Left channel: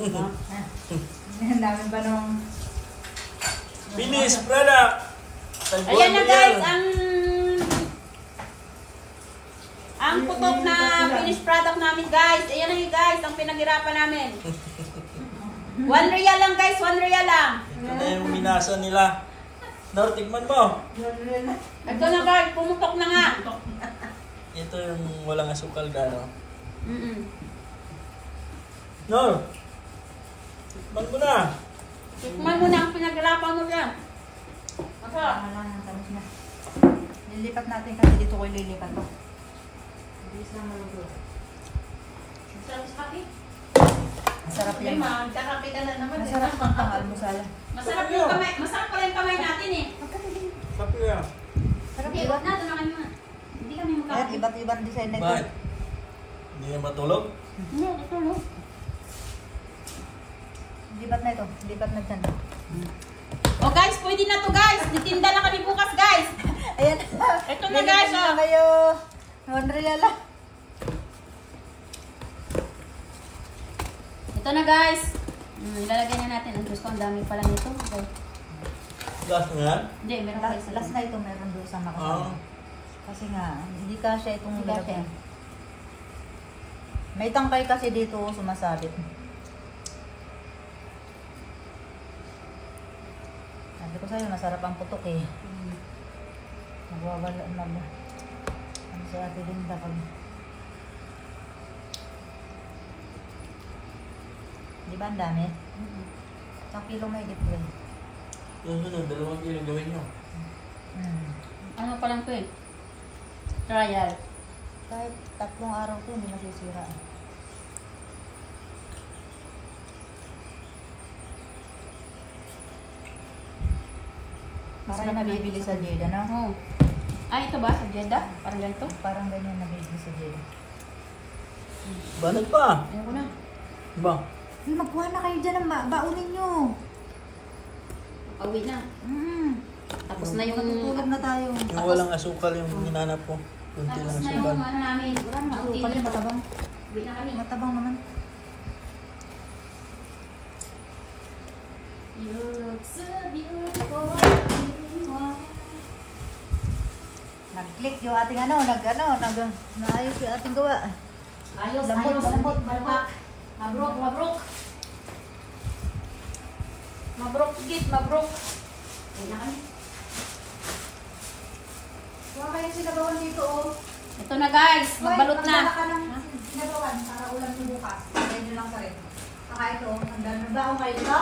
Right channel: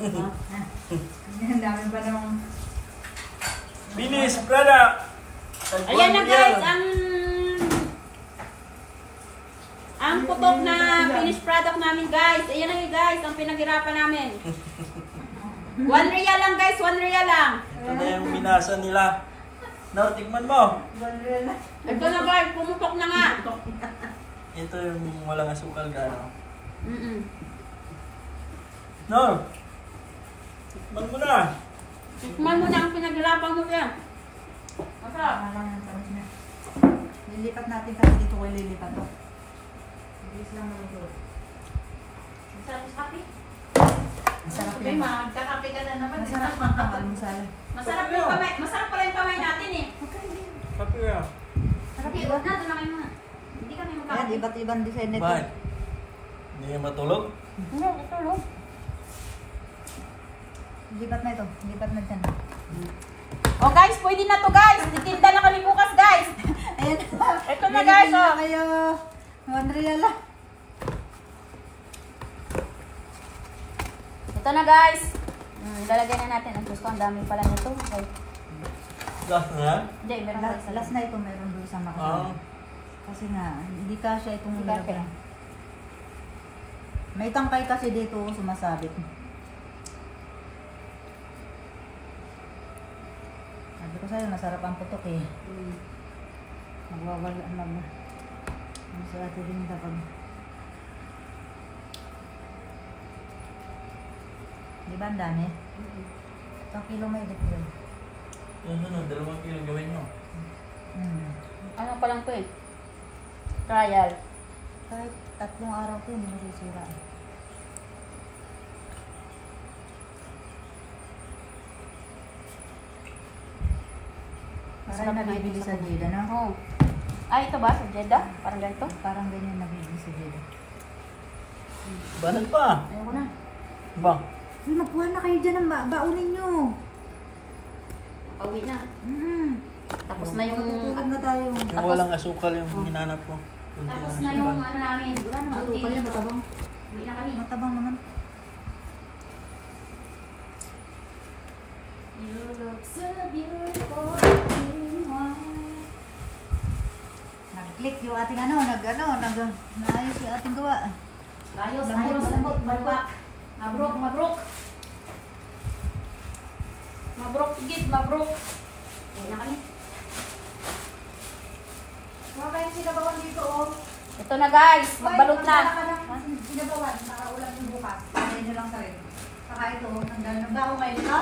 Ang dami pa naman. Finish product! Ayan na guys, ang putok na finished product namin guys. Ayan na guys, ang pinaghirapan namin. 1 real lang guys, 1 real lang. Ito na yung minasa nila. No, tikman mo. Ito na guys, pumutok na nga. Ito yung walang asukal gano. No. No. Tikman mo na. Tikman mo na ang pinaghirapan mo yan. Masarap. Lilipat natin kasi dito ko lilipat ko. Bilis lang naman ito. Masarap sa kape. Masarap Ay, yan. magkakape ka na naman. Masarap pang pang-almusal. Masarap yung kamay. Masarap pala yung kamay natin eh. Sabi ka. Sarap Hindi, diba? huwag na. Tumakay mo na. Hindi kami Ayan, magkakape. iba't ibang design nito. Bakit? Hindi ka matulog? Hindi, tutulog. Lipat na ito. Lipat na dyan. Oh guys, pwede na to guys. Ditinda na kami bukas guys. Ayan. Ito na guys, oh. Kayo. 1 real lang. Ito na guys. Ilalagay na natin. Ang gusto, ang dami pala nito. Okay. Gas na yan? Hindi, meron pa isa. Last na ito meron doon sa makasama. Kasi nga, hindi kasya itong Hindi kasya. lalagyan. May tangkay kasi dito sumasabit. Sabi ko sa'yo, masarap ang putok eh. Nagwawala na mo. Ano sa atin rin kapag... Di ba ang dami? Isang kilo may edit yan. Yung sunod, 2 kilo gawin nyo. Ano pa lang to eh? Trial. Kahit 3 araw to, hindi masisira. Para yung nabibili sa Jeddah, no? Oh. Ah, ito ba? Sa Jeddah? Parang ganito? Parang ganyan nabibili sa Jeddah. Banat pa. Ayoko na. Ba? Hey, magkuha na kayo dyan ang baunin nyo. Pauwi na. Tapos na yung... Matutulog na tayo. Yung walang asukal yung hinanap ko. Kunti Tapos ng na yung asukal. ano namin. Wala na, Ano kunti pala na. matabang? Uwi na kami. Matabang naman. You look so beautiful. Nag-click yung ating naayos yung ating gawa. Ayos, Lambot, ayos. lambot. Balbak. Mabrok, mabrok. Mabrok, higit, mabrok. Uwi na kami. Wala kayong sinabawan dito, oh. Ito na guys, magbalot na. Sinabawan para ulam yung bukas. Kaya nyo lang sa rin. Saka ito, nagdaan na ba ako kayo, ha?